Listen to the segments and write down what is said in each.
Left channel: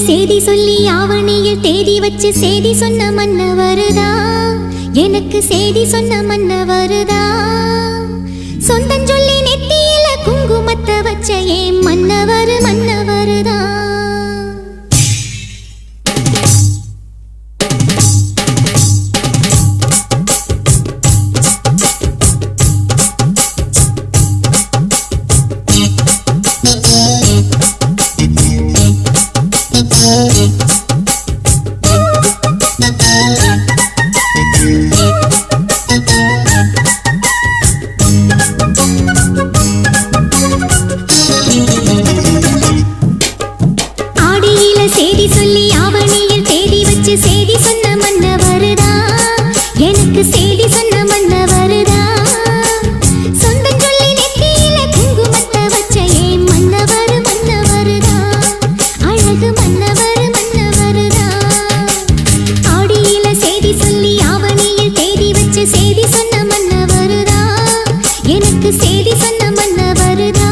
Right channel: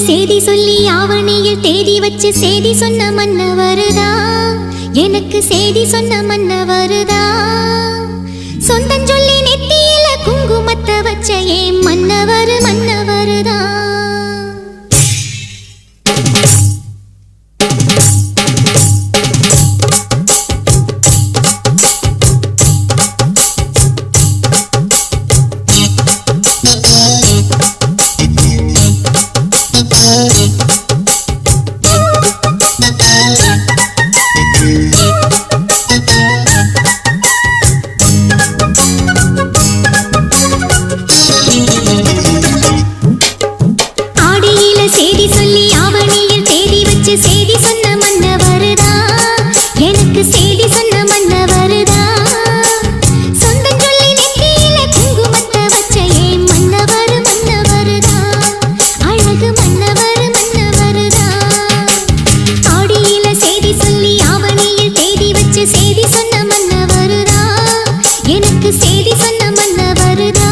சேதி சொல்லி ஆவணியில் தேதி வச்சு சேதி சொன்ன மன்ன வருதா, எனக்கு சேதி சொன்ன மன்ன வருதா. சொந்தம் சொல்லி நெத்தியில குங்குமத்தை வச்ச ஏன் மன்னவர் மன்னவருதா. சேதி சொல்லி ஆவணியில் தேதி வச்சு சேதி சொன்ன மன்ன வருதா, எனக்கு சேதி சொன்ன மன்ன வருதா. சொந்தம் சொல்லி நெத்தியில குங்குமத்தை வச்ச ஏன் மன்னவர் மன்னவருதா, அழகு மன்னவர் மன்னவருதா. ஆடியில சேதி சொல்லி ஆவணியில் தேதி வச்சு சேதி சொன்ன மன்ன வருதா, எனக்கு சேதி சொன்ன மன்ன வருதா.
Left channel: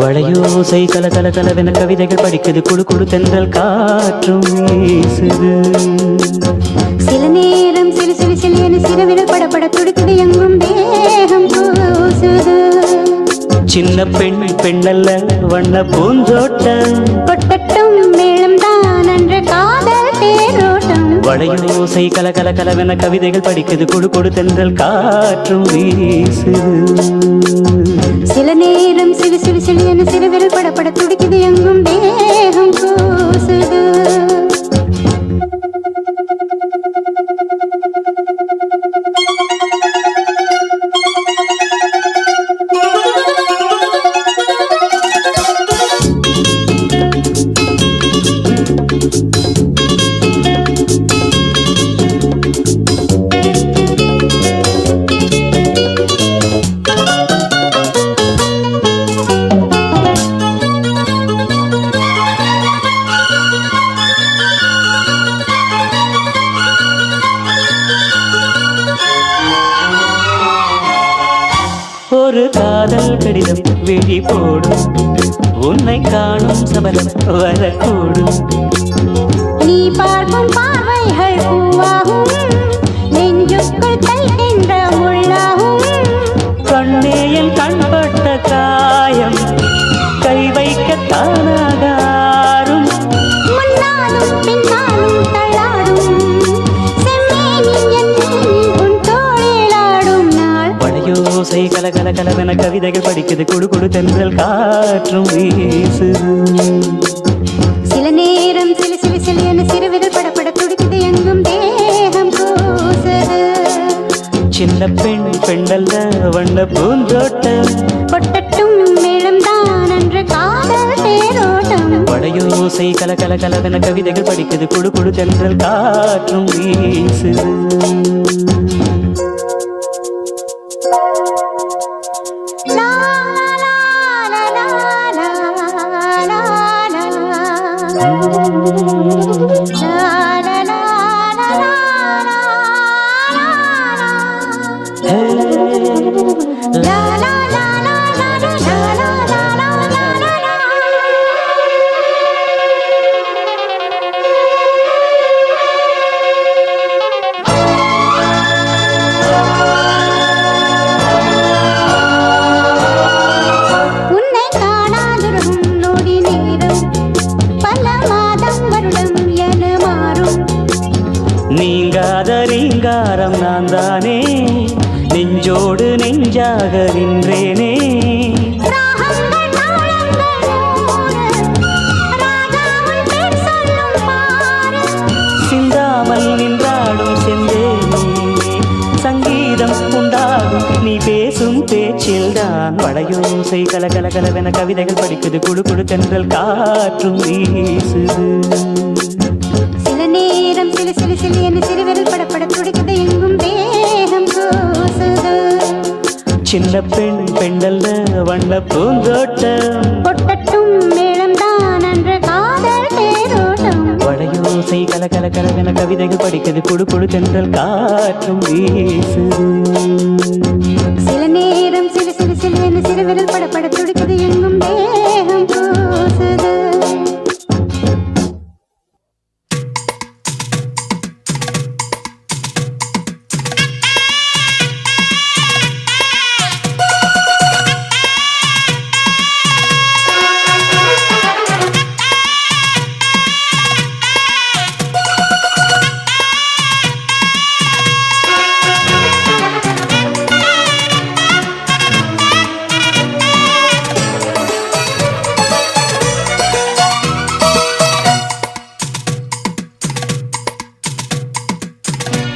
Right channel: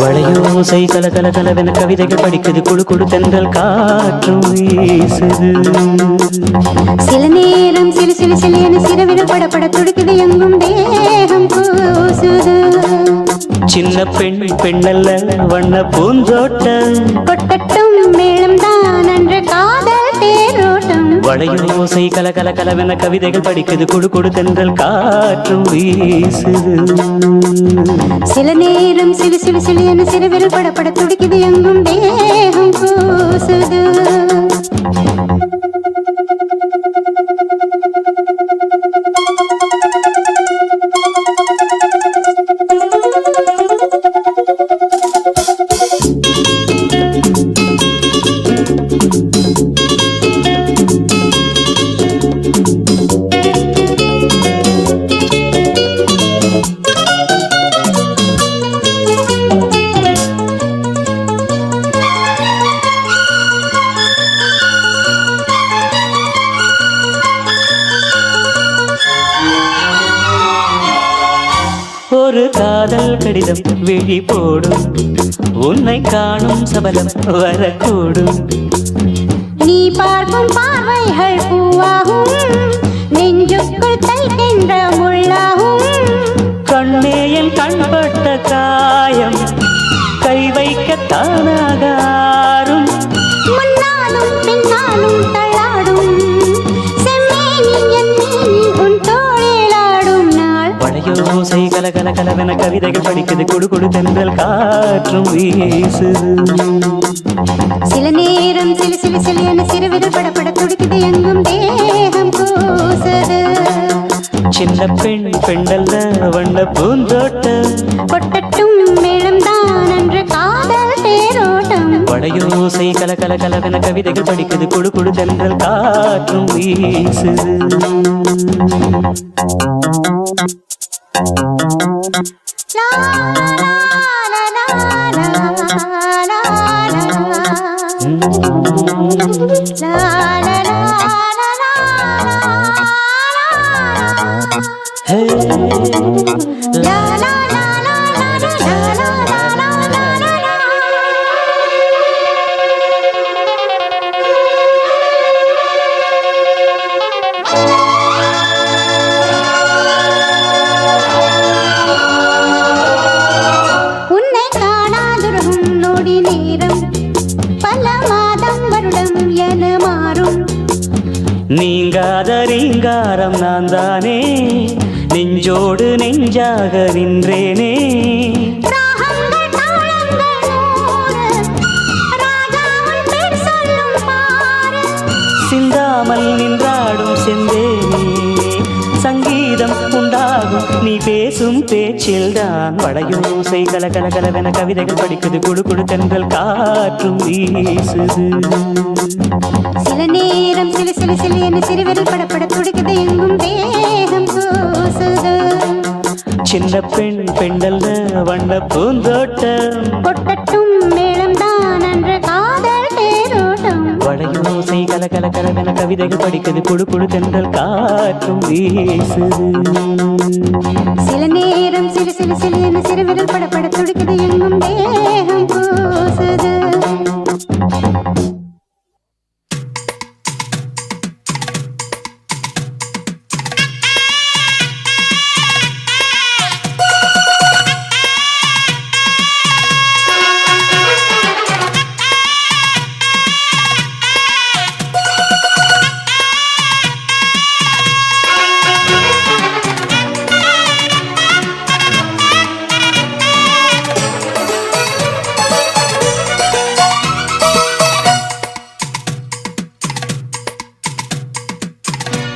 வளையோசை கல கல கலவென கவிதைகள் படிக்குது, குழு குழு தென்றல் காற்றும் வீசுது. சில நேரம் சிறு சிறு சிறியன சிறுவிரல் படப்பட துடிக்குது, எங்கும் தேகம் கூசுது. சின்ன பெண் பெண்ணல்ல வண்ண பூஞ்சோட்டம் கொட்டட்டும் மேளம் தான் அன்று காதல் தேரோட்டம் வளையோசை கல கல கலவென கவிதைகள் படிக்குது கொடு கொடு தென்றல் காற்றும் வீசுது சில நேரம் சிறு சிறு சிறு என சிறுவிரல் படப்பட துடிக்குது எங்கும் தேகம் கூசுது ஒரு காதல் கடிதம் விழி போடும் உன்னை காணும் சபலம் வரக்கூடும் நீ பார்க்கும் பார்வைகள் பூவாகும் நெஞ்சுக்குள் தைக்கின்ற முள்ளாகும் கண்ணேயல் கண்பட்ட காயம் கை வைக்க தானாகாரும் முன்னாலும் பின்னாலும் தள்ளாடும் செம்மேனி என் உன் தோளிலாடும் நாள் வளையோசை கல கல கலவென கவிதைகள் படிக்குது கொடு கொடு தென்றல் காற்றும் வீசுது சில நேரம் சிலு சிலு சிலு என சிறுவிரல் படப்பட துடிக்குது எங்கும் தேகம் கூசுது சின்ன பெண் பெண்ணல்ல வண்ண பூந்தோட்டம் கொட்டட்டும் மேளம் தான் அன்று காதல் தேரோட்டம் வளையோசை கல கல கலவென கவிதைகள் படிக்குது கொடு கொடு தென்றல் காற்றும் வீசுது லா லா லா லா லா லா லா லா லா உன்னை காணாதுருகும் நொடி நேரம் பல மாதம் வருடம் என மாறும் நீங்காத ரீங்காரம் நான் தானே நெஞ்சோடு நெஞ்சாக நின்றேனே ராகங்கள் தாளங்கள் நூறு ராஜாவின் பேர் சொல்லும் பாரு சிந்தாமல் நின்றாடும் செந்தேனே சங்கீதம் உண்டாகும் நீ பேசும் பேச்சில்தான் வளையோசை கல கல கலவென கவிதைகள் படிக்குது குடு குடு தென்றல் காற்றும் வீசுது சில நேரம் சிலு சிலு சிலு என சிறுவிரல் படப்பட துடிக்குது எங்கும் தேகம் கூசுது சின்ன பெண் பெண்ணல்ல வண்ண பூந்தோட்டம் கொட்டட்டும் மேளம் தான் அன்று காதல் தேரோட்டம் வளையோசை கல கல கலவென கவிதைகள் படிக்குது குடு குடு தென்றல் காற்றும் வீசுது சில நேரம் சிலு சிலு சிலு என சிறுவிரல் படப்பட துடிக்குது எங்கும் தேகம் கூசுது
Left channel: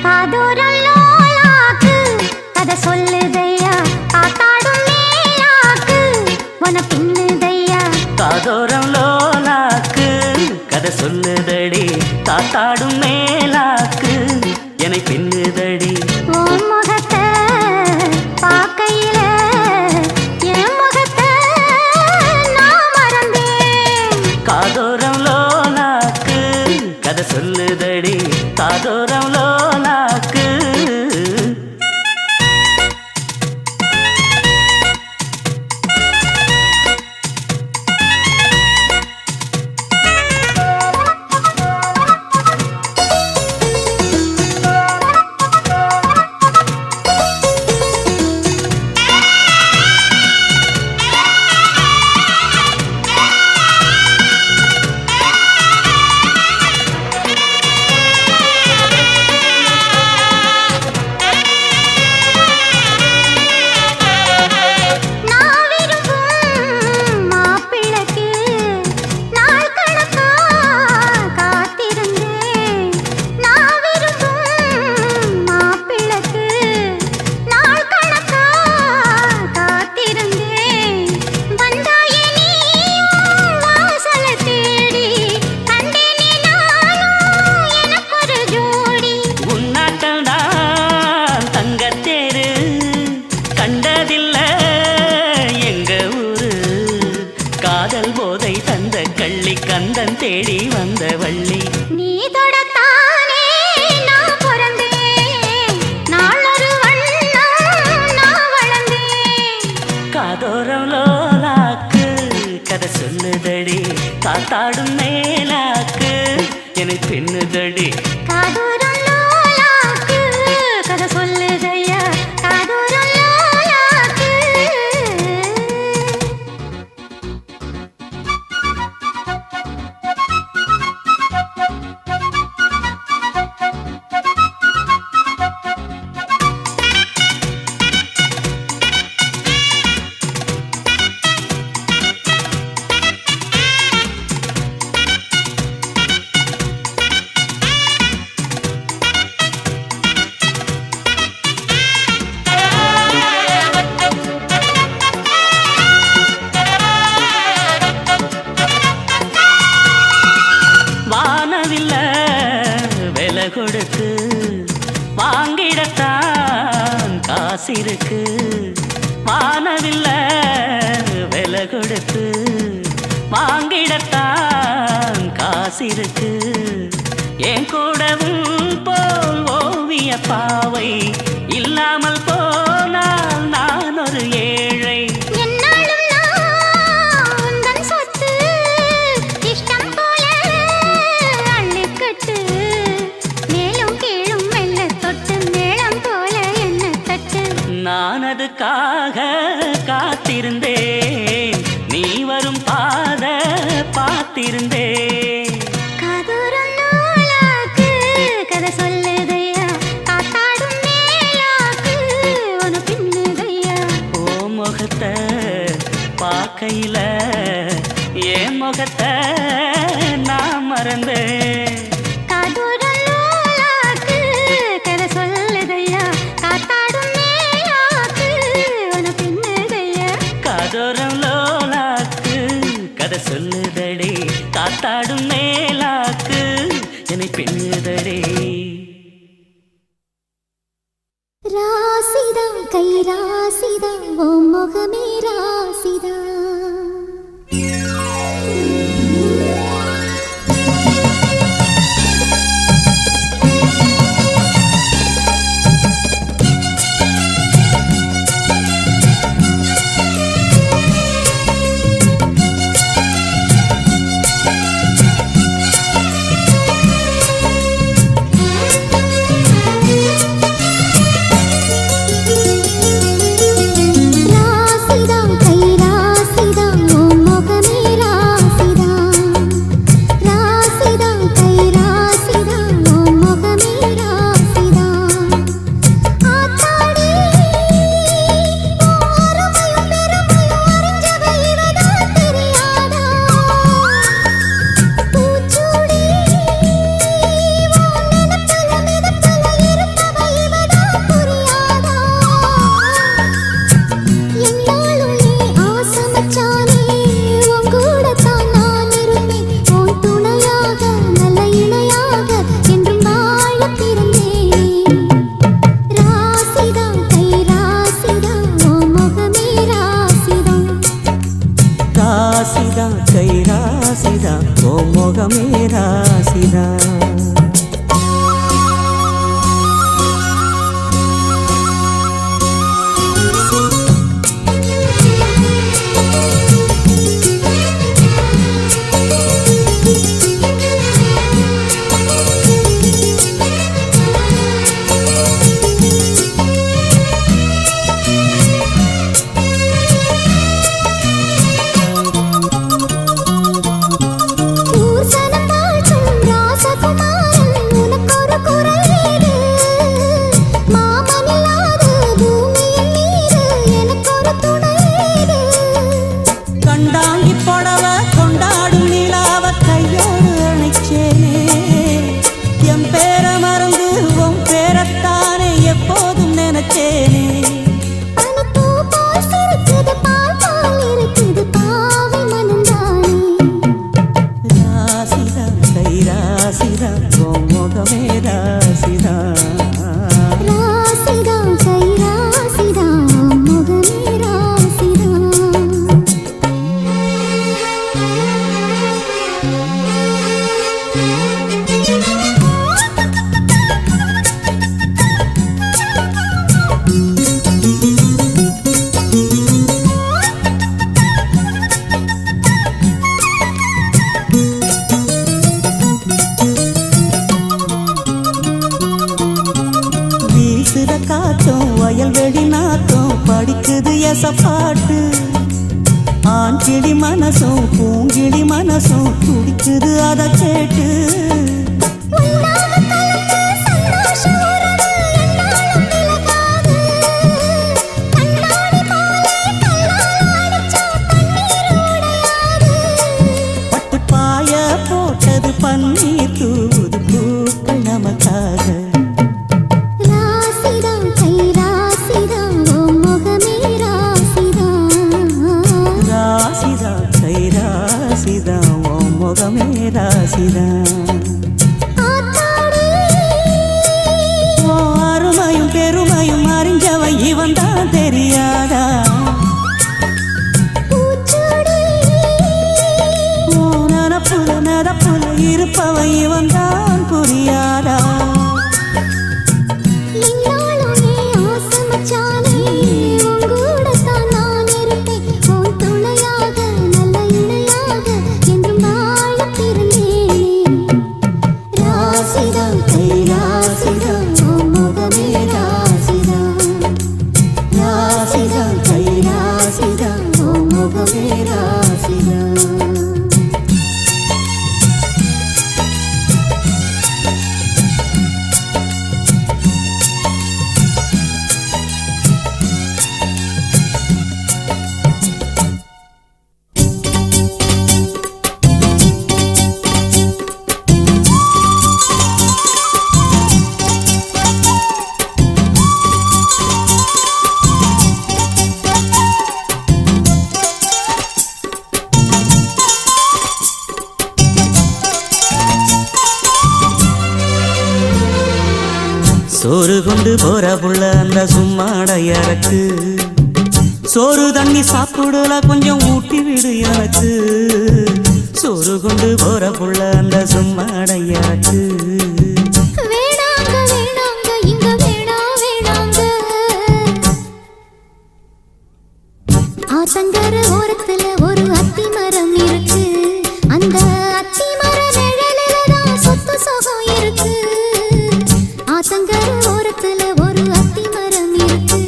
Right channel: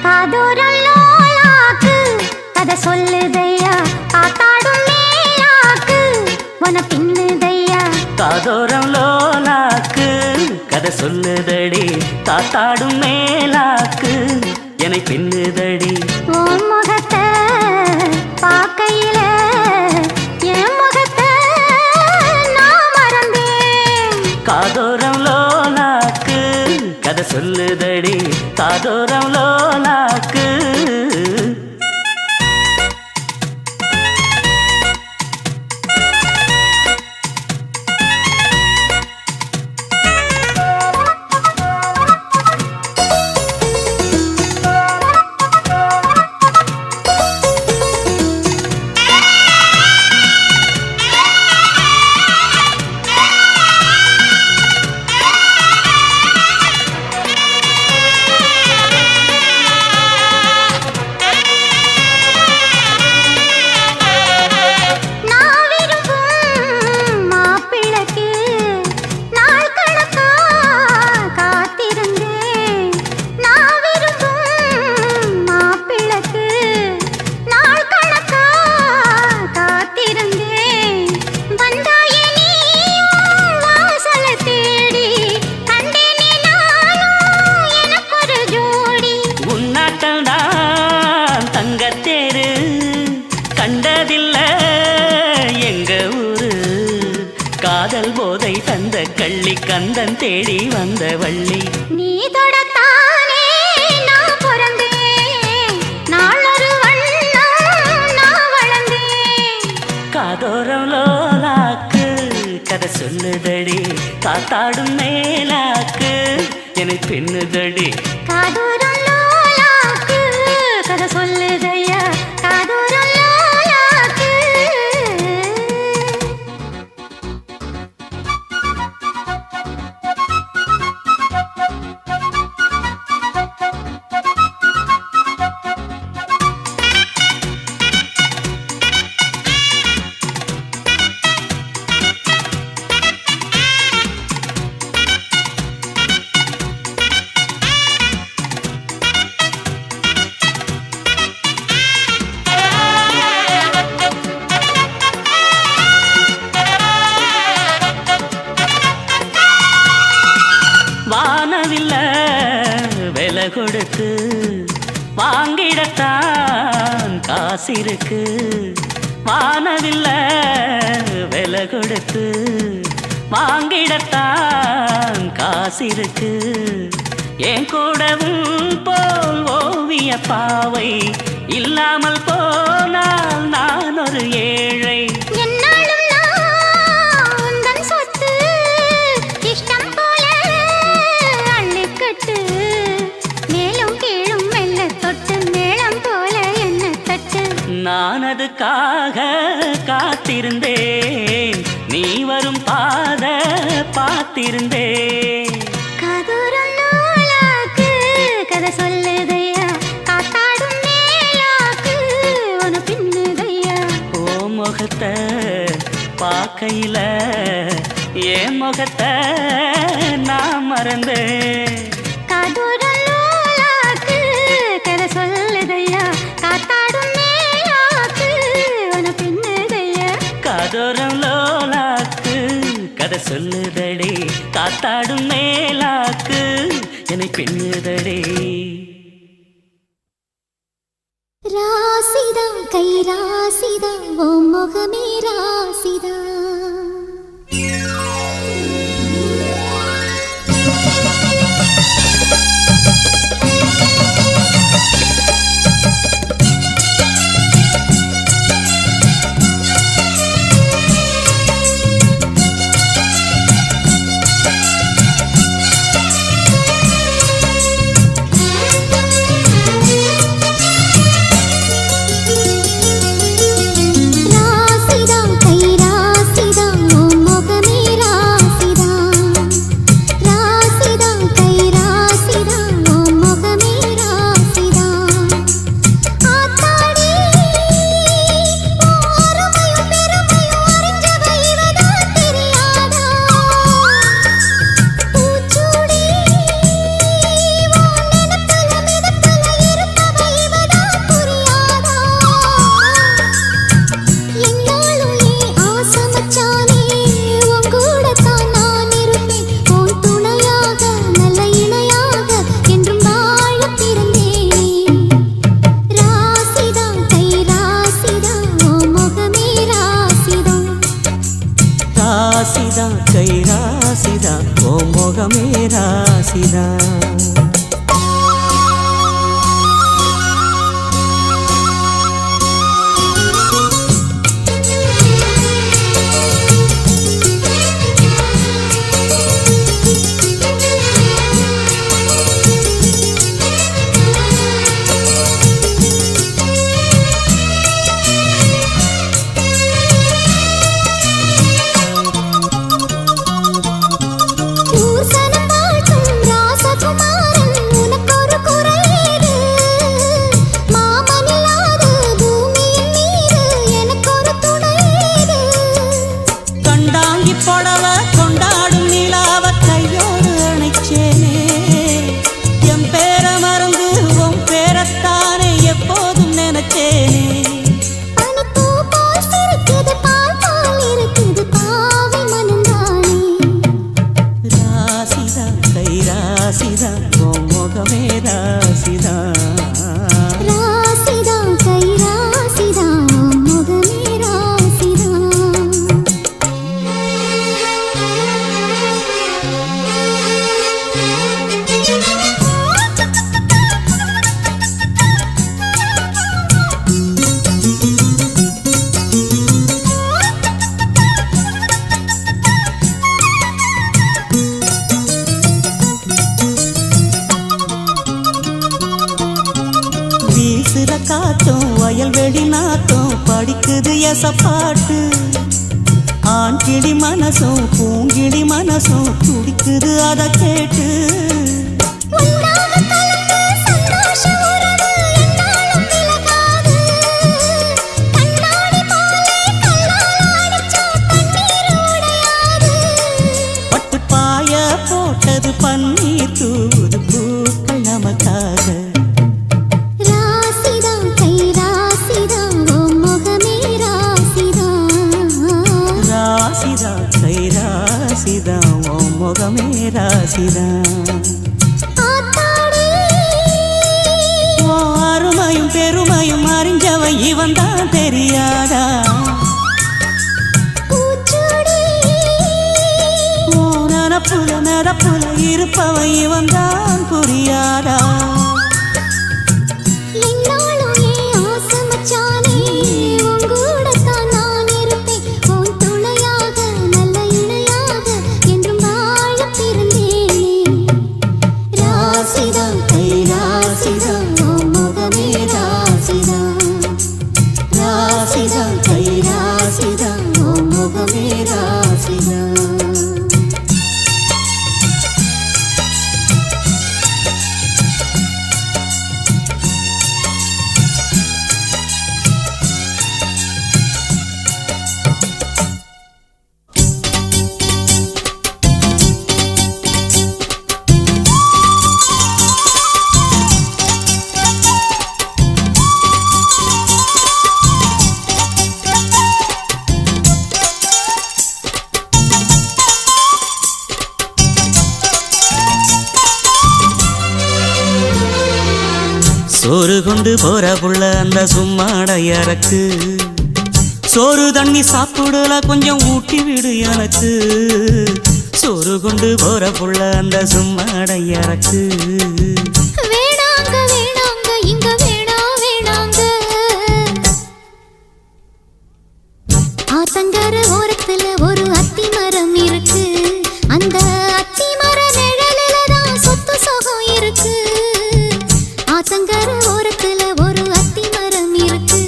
காதோரம் லோலாக்கு கதை சொல்லுதையா காத்தாடும் மேலாக்கு உன பின்னுதையா காதோரம் லோலாக்கு கதை சொல்லுதடி தாத்தாடும் மேலாக்கு என்னை பின்னுதடி உன் முகத்தை பார்க்கையில என் முகத்தை நான் மறந்தேன் காதோரம் லோலாக்கு கதை சொல்லுதடி காதோரம் லோலாக்கு உந்தன் தேடி வந்த வள்ளி. நீ தொடத்தானே நான் பிறந்தேன், நாளொரு வண்ணம் நான் வளர்ந்தேன். காதோரம் லோலாக்கு கதை சொல்லுதடி, காத்தாடும் மேலாக்கு என்னை பின்னுதடி. காதோரம் லோலாக்கு கதை சொல்லுதையா, காதோரம் லோலாக்கு. கொடுத்து வாங்கிடத்தான் காசிருக்கு, வானவில்ல விலை கொடுத்து வாங்கிடத்தான் காசிருக்கு. என் கூடவும் போல் ஓவிய பாவை இல்லாமல் போனால் நான் ஒரு ஏழை. நான் அதுக்காக காத்திருந்தேன், நீ வரும் பாத பார்த்திருந்தேன். காதோரம் லோலாக்கு கதை சொல்லுதையா, காத்தாடும் மேலாக்கு உன பின்னுதையா. ஓ முகத்தை பார்க்கையில என் முகத்தை நான் மறந்தேன். காதோரம் லோலாக்கு கதை சொல்லுதையா, காத்தாடும் காதோரம் லோலாக்கு கதை சொல்லுதடி, காத்தாடும் மேலாக்கு என்னை பின்னுதடி. ராசிதா கை ராசிதா ஓ முகமே ராசிதா. ராசிதா கை ராசிதா ஓ முகமே ராசிதா. பூசணம் வாழ்த்தும் ராச பாட்டு ஆண் கிளி மனசும் பூங்கிளி மனசும் துடிக்குது அதை கேட்டு பட்டு பாய போட்டது பன்னீர் தூது பூக்கள் நமக்காக முகமே ராசிதா அருமையும் பெருமையும் அறிஞ்சவ இவன் தான் தெரியாதா நனப்புல நடப்புல இருப்பவ இவன் தான் புரியாதா சோறு கொண்டு போற புள்ள அந்த சும்மாடையறக்கு சோறு தண்ணி சாப்பிடல கொஞ்சம் ஊட்டி விடு எனக்கு சோறு கொண்டு போற புள்ள அந்த சும்மாடையறக்கு ஆத்தங்கர ஓரத்துல ஒரு அத்தி மரம் இருக்கு அந்த அத்தி மர நிழலில தான் சொத்து சுகம் இருக்கு ஆத்தங்கர ஓரத்துல ஒரு அத்தி மரம் இருக்கு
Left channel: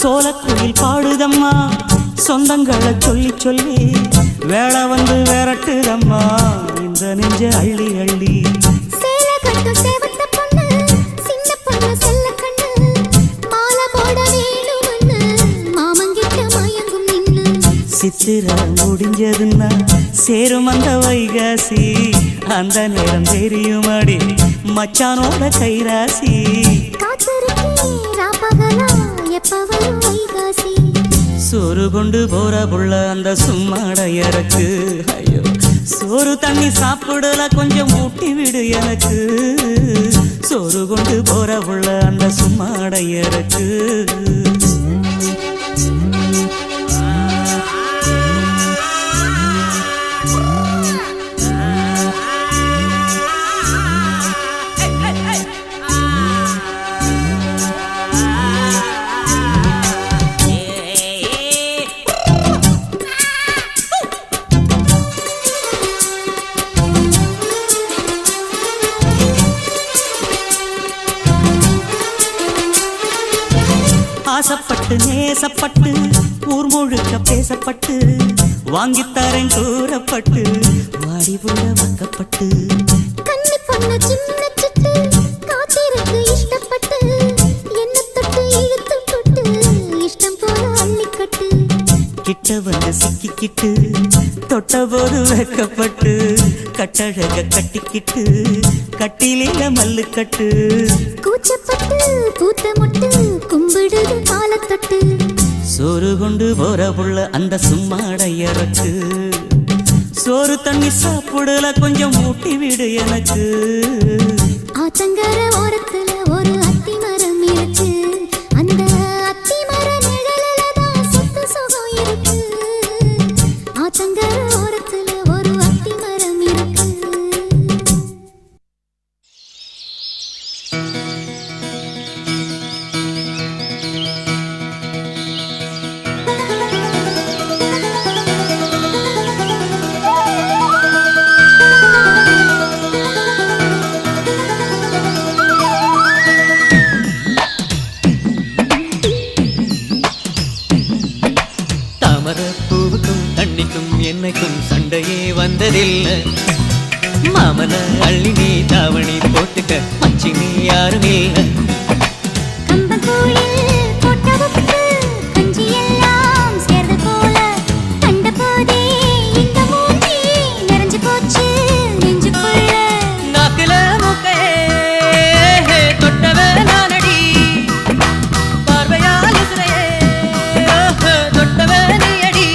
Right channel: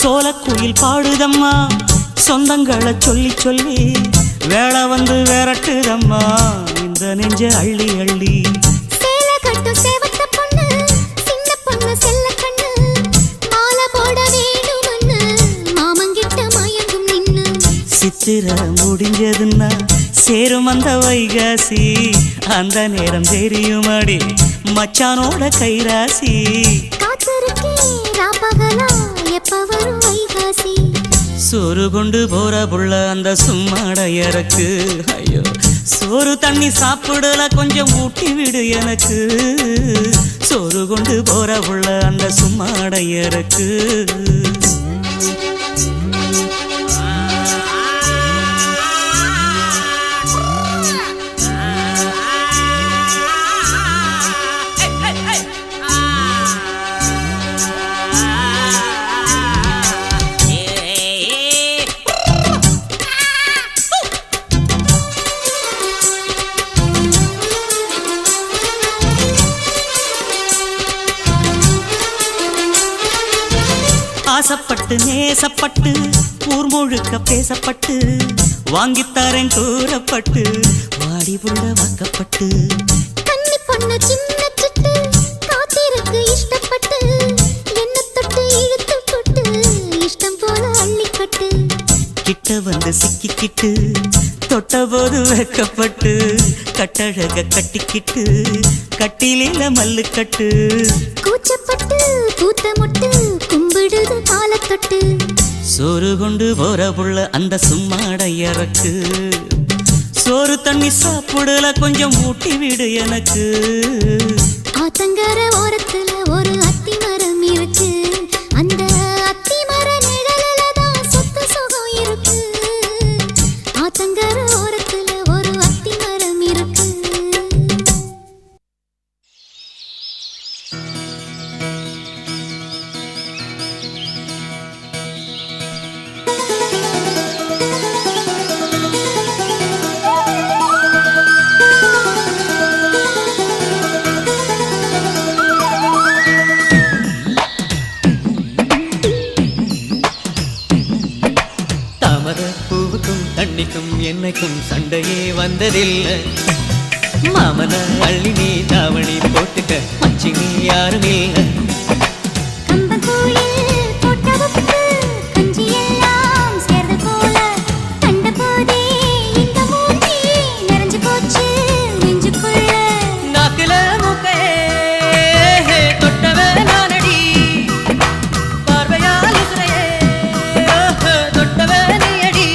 சோலக்குயில் பாடுதம்மா சொந்தங்களை சொல்லி சொல்லி வேளை வந்து விரட்டுதம்மா இந்த நெஞ்ச அள்ளி அள்ளி சித்திர முடிஞ்சதுன்னா சேரும் அந்த வைகாசி அந்த நேரம் தெரியுமாடி மச்சானோட கைராசி சோறு கொண்டு போற புள்ள அந்த சும்மாடையறக்கு ஐயோ சோறு தண்ணி சாப்பிடல கொஞ்சம் ஊட்டி விடு எனக்கு சோறு கொண்டு போற புள்ள அந்த சும்மாடையறக்கு ஆசப்பட்டு நேசப்பட்டு ஊர் முழுக்க பேசப்பட்டு வாங்கித்தரேன் கூறப்பட்டு வாடி புள்ள வாக்கப்பட்டு கண்ணி பொண்ணு சின்ன சிட்டு காத்திருக்கு இஷ்டப்பட்டு என்ன தொட்டு இழுத்து தொட்டு இஷ்டம் போல அள்ளிக்கட்டு கிட்ட வந்து சிக்கிக்கிட்டு தொட்ட போது வைக்கப்பட்டு கட்டழக கட்டிக்கிட்டு கட்டிலில மல்லு கட்டு கூச்சப்பட்டு பூத்த முட்டு கும்பிடுது காலத்தொட்டு சோறு கொண்டு போற புள்ள அந்த சும்மாடையறக்கு சோறு தண்ணி சாப்பிடல கொஞ்சம் ஊட்டி விடு எனக்கு ஆத்தங்கர ஓரத்துல ஒரு அத்தி மரம் இருக்கு அந்த அத்தி மர நிழலில தான் சொத்து சுகம் இருக்கு ஆத்தங்கர ஓரத்துல ஒரு அத்தி மரம் இருக்கு வந்ததில்லை. மாமன அள்ளி நீ தாவணி போட்டுக்க மச்சி நீ யாரும் இல்லை. கம்பங்கூழில் போட்ட உப்பு கஞ்சி எல்லாம் சேர்ந்து போல கண்ட போதே இந்த மூஞ்சி நிறைஞ்சு போச்சு நெஞ்சுக்குள்ள. நாக்குல மூக்கையே தொட்டவ நானடி, பார்வையால் இசையே தொட்டவ நீ அடி.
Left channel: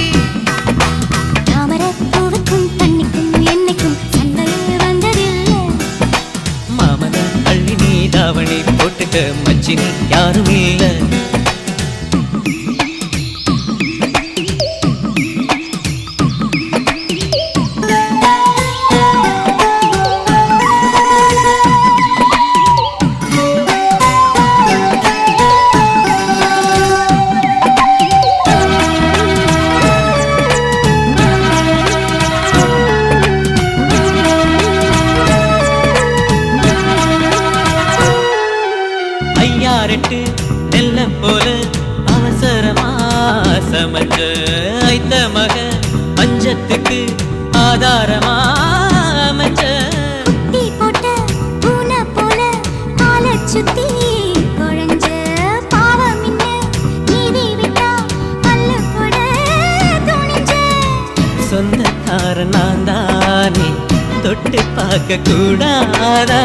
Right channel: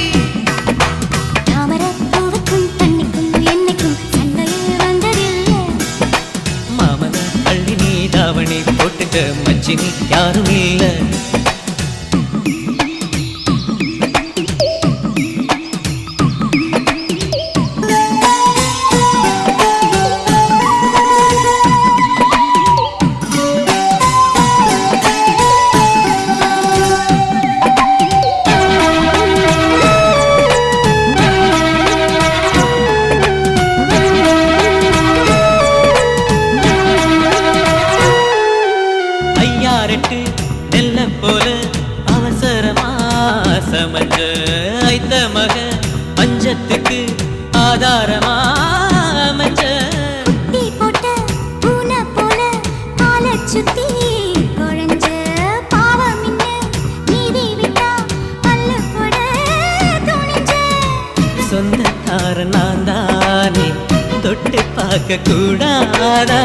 தாமரைப் பூவுக்கும் தண்ணிக்கும் என்னைக்கும் சண்டையே வந்ததில்லை. மாமன அள்ளி நீ தாவணி போட்டுக்க மச்சி நீ யாரும் இல்லை. ஐயாரெட்டு நெல்ல போல அவசரமா சமைச்ச ஐத்த மக பஞ்சத்துக்கு ஆதாரமா அமைச்ச. குட்டி போட்ட பூனை போல காலைச் சுத்தி குழஞ்ச பாவம் இன்ன நீதி விட்டா பல்லு போட துணிஞ்ச. சொந்தக்கார நான் தானே தொட்டு பார்க்க கூடாதா?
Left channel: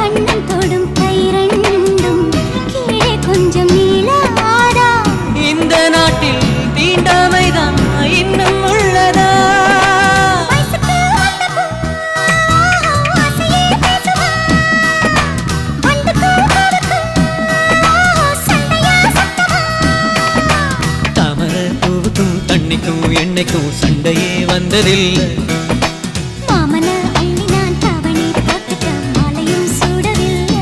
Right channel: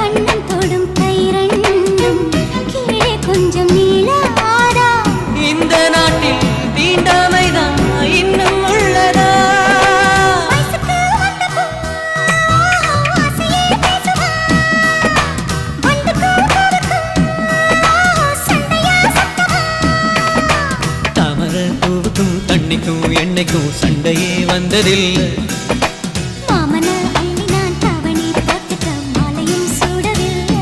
கண்ணம் தொடும் கை ரெண்டும் கீழே கொஞ்சம் நீளாதா? இந்த நாட்டில் தீண்டாமைதான் இன்னும் உள்ளதா? வயசுக்கு வந்த பூ ஆசையே பேசுவா, வண்டுக்கும் பூவுக்கும் சண்டையா சத்தமா? தாமரை பூவுக்கும் தண்ணிக்கும் எண்ணெய்க்கும் சண்டையே வந்ததில்லை. மாமன அள்ளி நான் தாவணி போட்டுக்க மாலையும் சூடவில்லை.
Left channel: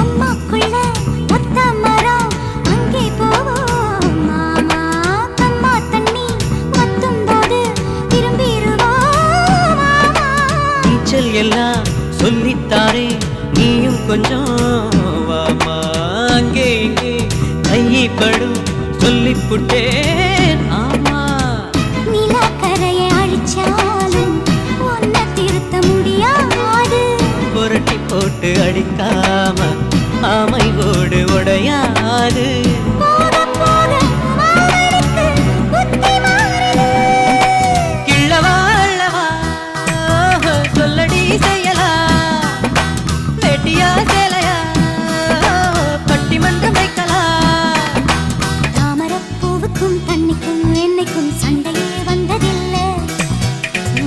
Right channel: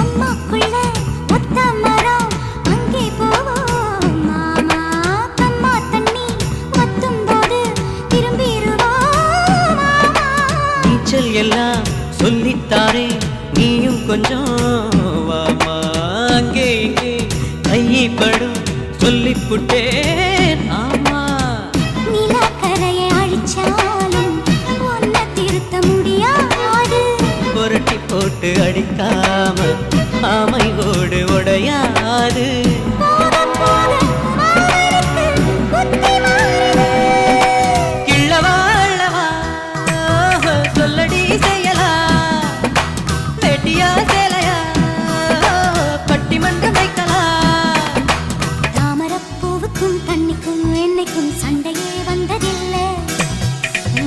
அம்மாக்குள்ள ஒத்த மரம் அங்கே போவோம் மாமா, கம்மா தண்ணி வத்தும் போது திரும்பிடுவோம் மாமா. நீச்சல் எல்லாம் சொல்லித்தாரே நீயும் கொஞ்சம் வாமா. அங்கே இங்கே கைப்படும் சொல்லிப்புட்டேன் ஆமா. நிலக்கரையை அழிச்சாலும் உன்னை திருத்த முடியாது. புரட்டி போட்டு அடிக்காம ஆமை ஓடு உடையாது. போக போக மாமனுக்கு புத்தி மாறுது. கிள்ளவா அள்ளவா சொல்லடி செய்யலா, வெட்டியா சேலையா பட்டிமன்றம் வைக்கலாம். தாமரைப் பூவுக்கும் தண்ணிக்கும் என்னைக்கும் சண்டையே வந்ததில்லை.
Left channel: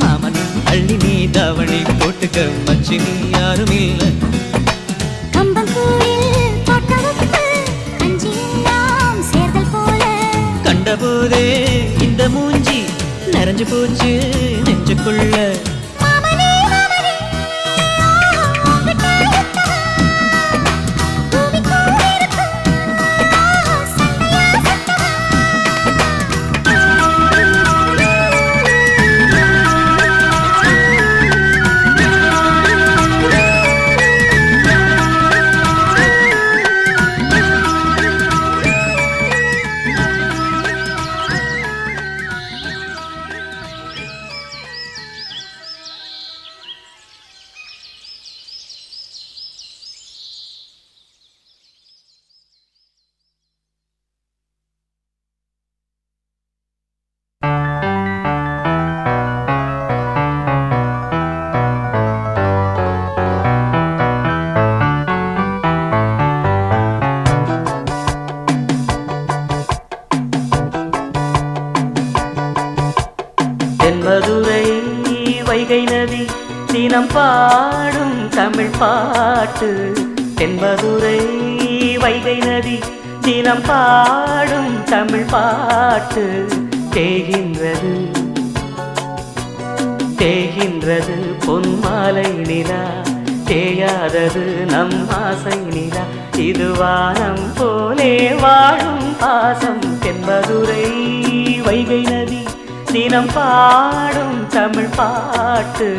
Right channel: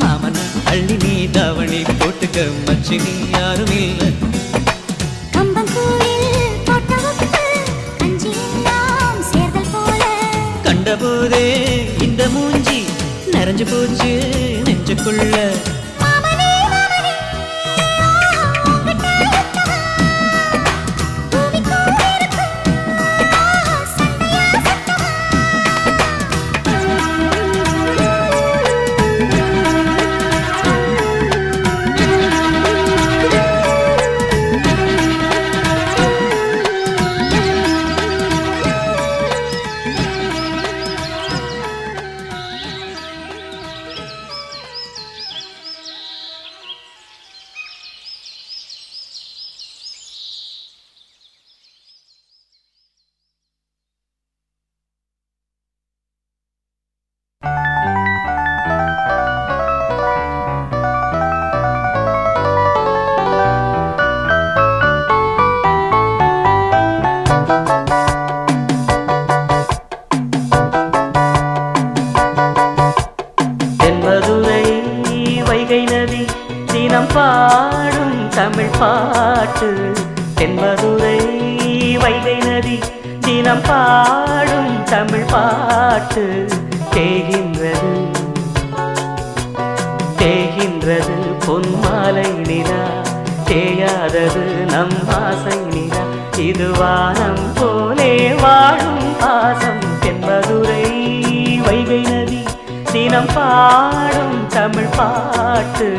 மாமன் அள்ளி நீ தாவணி போட்டுக்க மச்சி நீ யாரும் இல்லை. கம்பங்கூழில் போட்ட உப்பு கஞ்சி எல்லாம் சேர்தல் போல கண்டபோதே இந்த மூஞ்சி நிறைஞ்சு போச்சு நெஞ்சுக்குள்ள. மாமனே மாமனே உங்கிட்ட யுத்தமா? பூமிக்கும் நீருக்கும் சண்டையா சத்தமா? தென்மதுரை வைகை நதி தினம் பாடும் தமிழ் பாட்டு. தென்மதுரை வைகை நதி தினம் பாடும் தமிழ் பாட்டு. தேகின்றது தேகின்றது பொன்மாலை நிலா தேயாதது நம் ஆசை நிலா இது வானம் போலே வாழும் பாசம் தென்பதுரை வைகை நதி தினம் பாடும் தமிழ் பாட்டு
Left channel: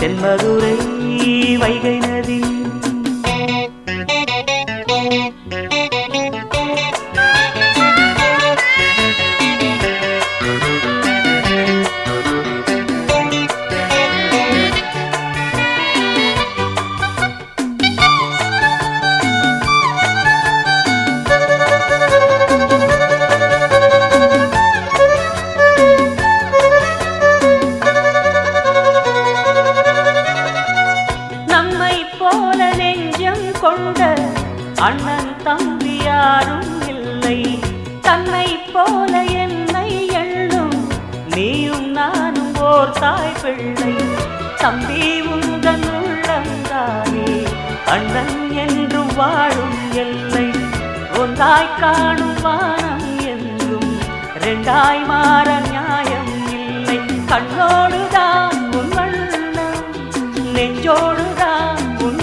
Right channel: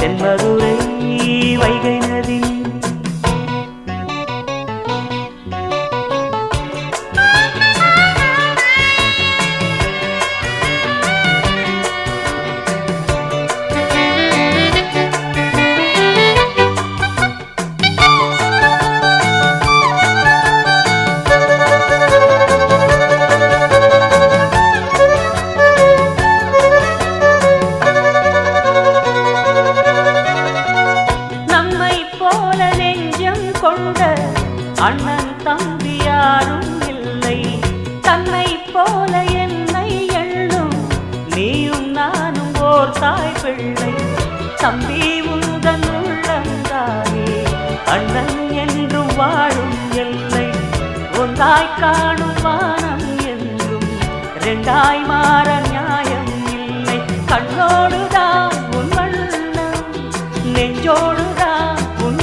தென்பதுரை வைகை நதி கொண்ட அண்ணன் தம்பி யாரும் இல்லை தன்னை போல என்னை எண்ணும் நீயும் நானும் ஓர் தாய் பிள்ளை தம்பி உந்தன் உள்ளந்தானே அண்ணன் என்றும் வாழும் எல்லை ஒன்றாய் காணும் வானம் என்றும் ரெண்டாய் மாற நியாயம் இல்லை கண்ணோடுதான் உன் வண்ணம் நெஞ்சோடுதான் உன்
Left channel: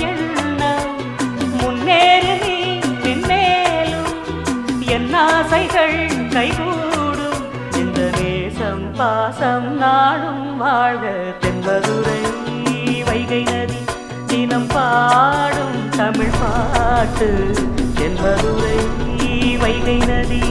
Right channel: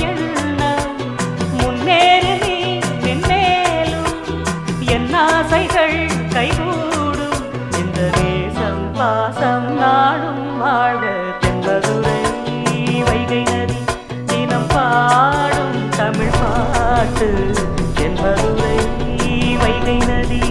ஆசைகள் கைகூடும் இந்த நேசம் பாசம் நாடும் வாழ்க தென்பதுரை வைகை நதி தினம் பாடும் தமிழ் பாட்டு தென்பதுரை வைகை நதி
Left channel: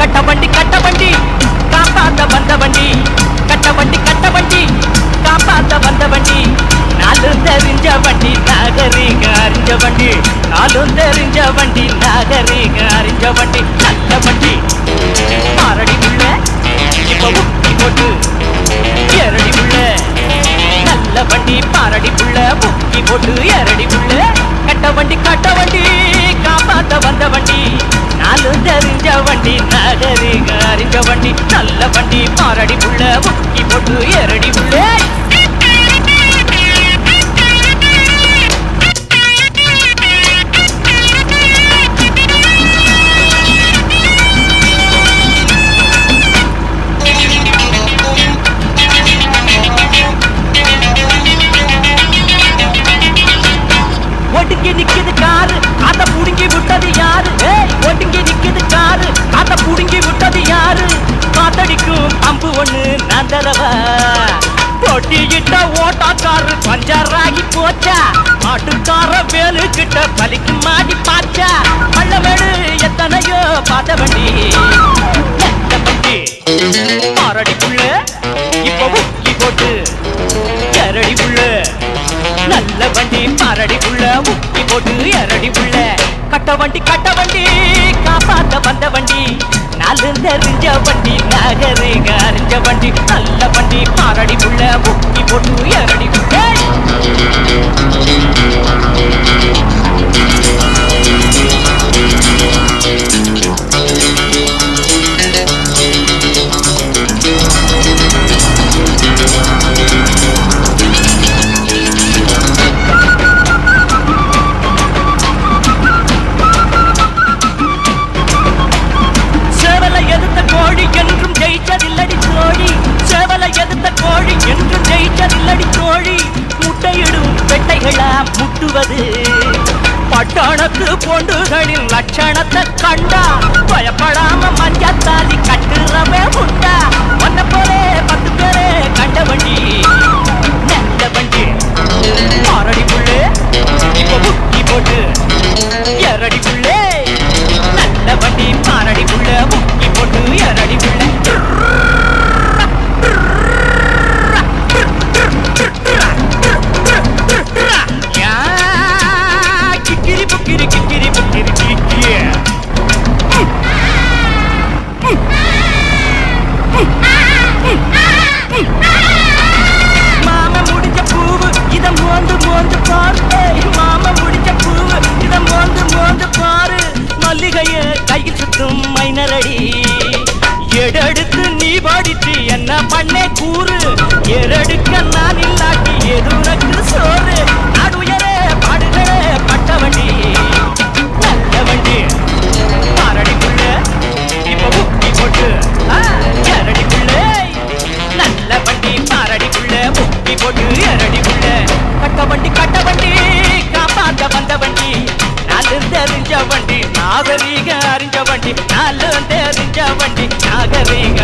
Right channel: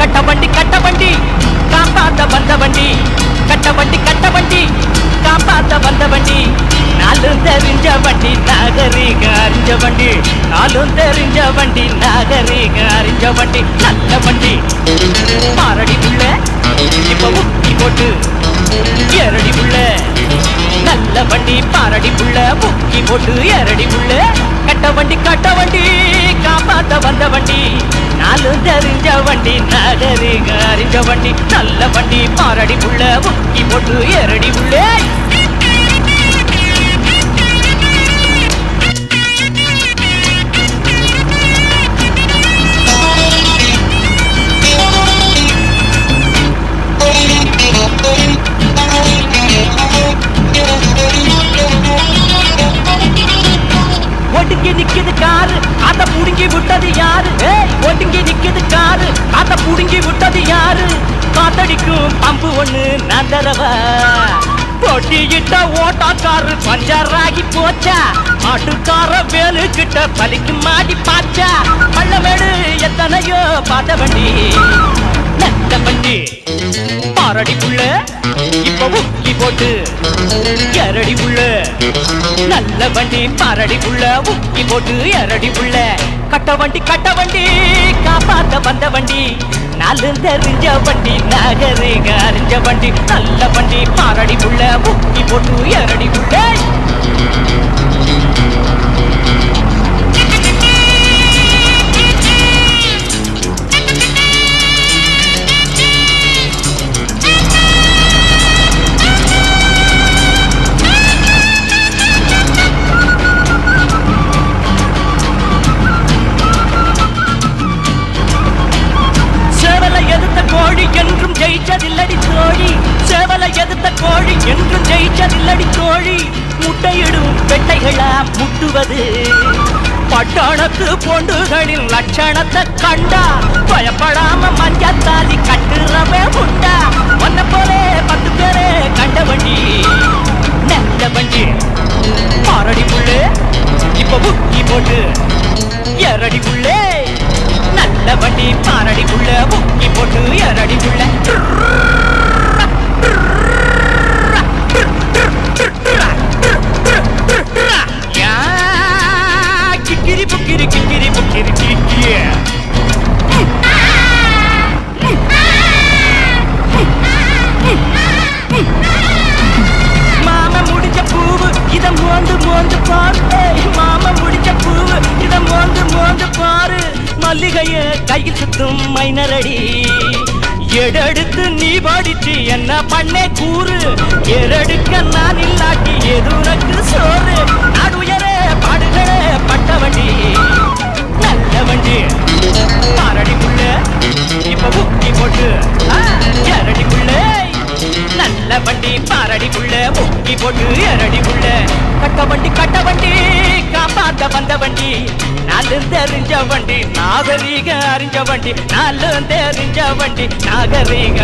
கட்டவண்டி கட்டவண்டி காப்பாத்த வந்த வண்டி கட்டவண்டி கட்டவண்டி காப்பாத்த வந்த வண்டி நாலும் தெரிஞ்ச வண்டி நாகரிக அறிஞ்ச வண்டி நாலும் தெரிஞ்ச வண்டி நாகரிக அறிஞ்ச வண்டி நல்ல வண்டி மாரடி உள்ள இப்ப முக்கி போட்டு எரடி உள்ள நல்ல வண்டி பாரடி உள்ள முக்கி போட்டு எரடி உள்ள கட்ட வண்டி காப்பாத்த வந்த வண்டி நாலும் தெரிஞ்ச வண்டி நாகரிக அறிஞ்ச வண்டி நல்ல வண்டி மாரடி உள்ள முக்கி போட்டு எரடி உள்ள ஒடுங்கி நிக்குது காரு அத புடுங்கி விட்டது யாரு ஒடுங்கி நிக்குது காரு அத புடுங்கி விட்டது யாரு ஒட்டியிட்ட ஓட்டாக்காரு பஞ்சராகி போச்சா மாட்டுக்கார வேலு கிட்ட பலிக்கு மாடி பாச்சா பள்ளமேடு எத்தனையோ பார்த்த வண்டி எந்த வண்டி பாரடிக்குள்ள இப்ப முக்கி போட்டு எரடி புள்ள நல்ல வண்டி பாரடிக்குள்ள முக்கி போட்டு எரடி புள்ள கட்ட வண்டி காப்பாத்த வந்த வண்டி நாலு தெரிஞ்ச வண்டி நகரேக அறிஞ்ச வண்டி நல்ல வண்டி பாரடி புள்ள முக்கி போட்டு எரடி புள்ள முட்டுவது பட்டணத்து பொண்டுகளின் லட்சணத்தை கண்டா பயப்படாம மஞ்சத்தாலி கட்டுறவே உண்டா ஒன்ன போலே 10 பேரே கண்ட வண்டி நல்ல வண்டி பாரடி புள்ளே இப்ப முக்கி போட்டு எரடி புள்ளே நல்ல வண்டி பாரடி புள்ள முக்கி போட்டு எரடி புள்ளே கையில் சுத்தும் மைனரடி எடெடுத்து நீ பாடிச்சு என்ன பண்ணே கூறு எரடுக்க நான் இல்லாட்டி எது உனக்கு சோறு நாடுயரே பாடுகளே பட்ட வண்டி நல்ல வண்டி பாரடிக்குள்ள இப்ப முக்கி போட்டு எரடிக்குள்ள நல்ல வண்டி பாரடிக்குள்ள முக்கி போட்டு எரடிக்குள்ள கட்ட வண்டி காப்பாத்த வந்த வண்டி தெரிஞ்ச வண்டி நாகரீக அறிஞ்ச வண்டி நாலு தெரிஞ்ச வண்டி நாகரீக